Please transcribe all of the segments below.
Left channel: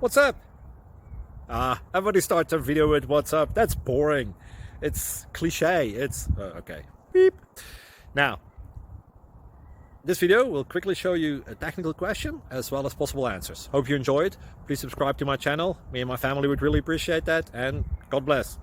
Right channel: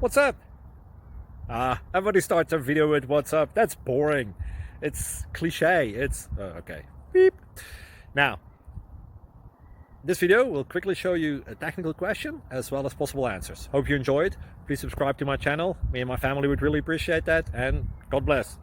What's up? Everybody starts their video with what's up. That's boring. It's cliche. It's okay. Beep. Now, this video will quickly show you a technical question as well as possible answers. Hope you enjoyed. Please subscribe to my channel. Me and my family would really appreciate that, and God bless.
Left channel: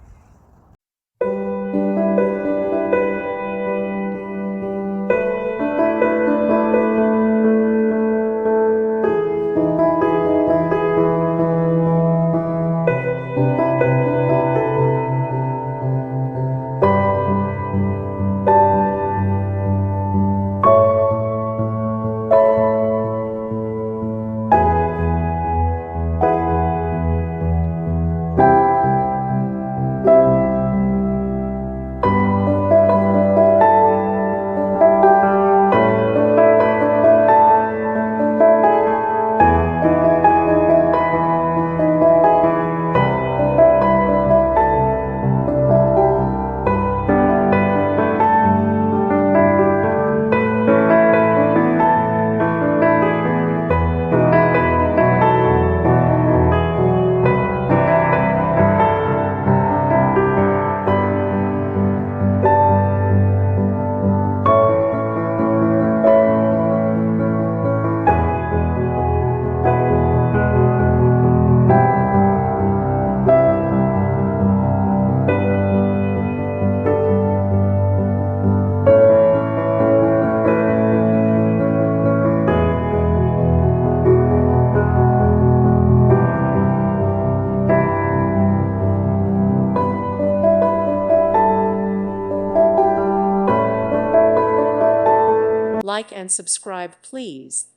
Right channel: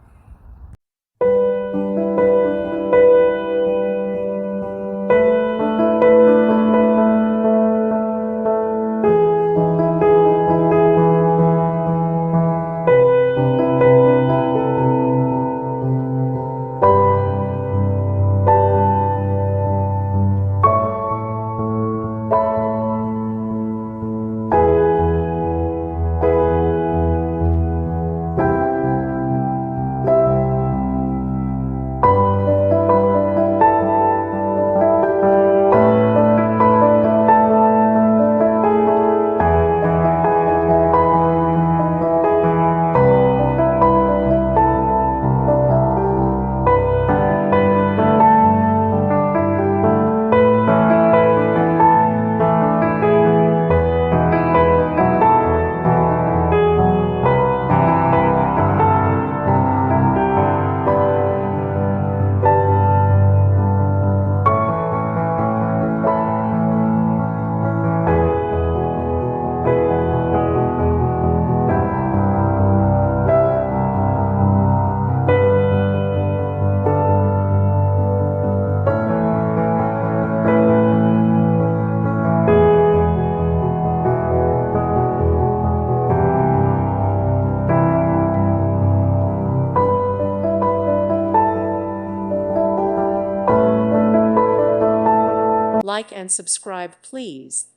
Like and subscribe, please.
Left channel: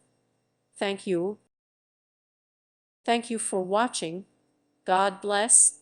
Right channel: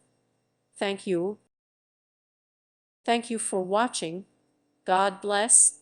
Thank you. Thank you for watching. God bless.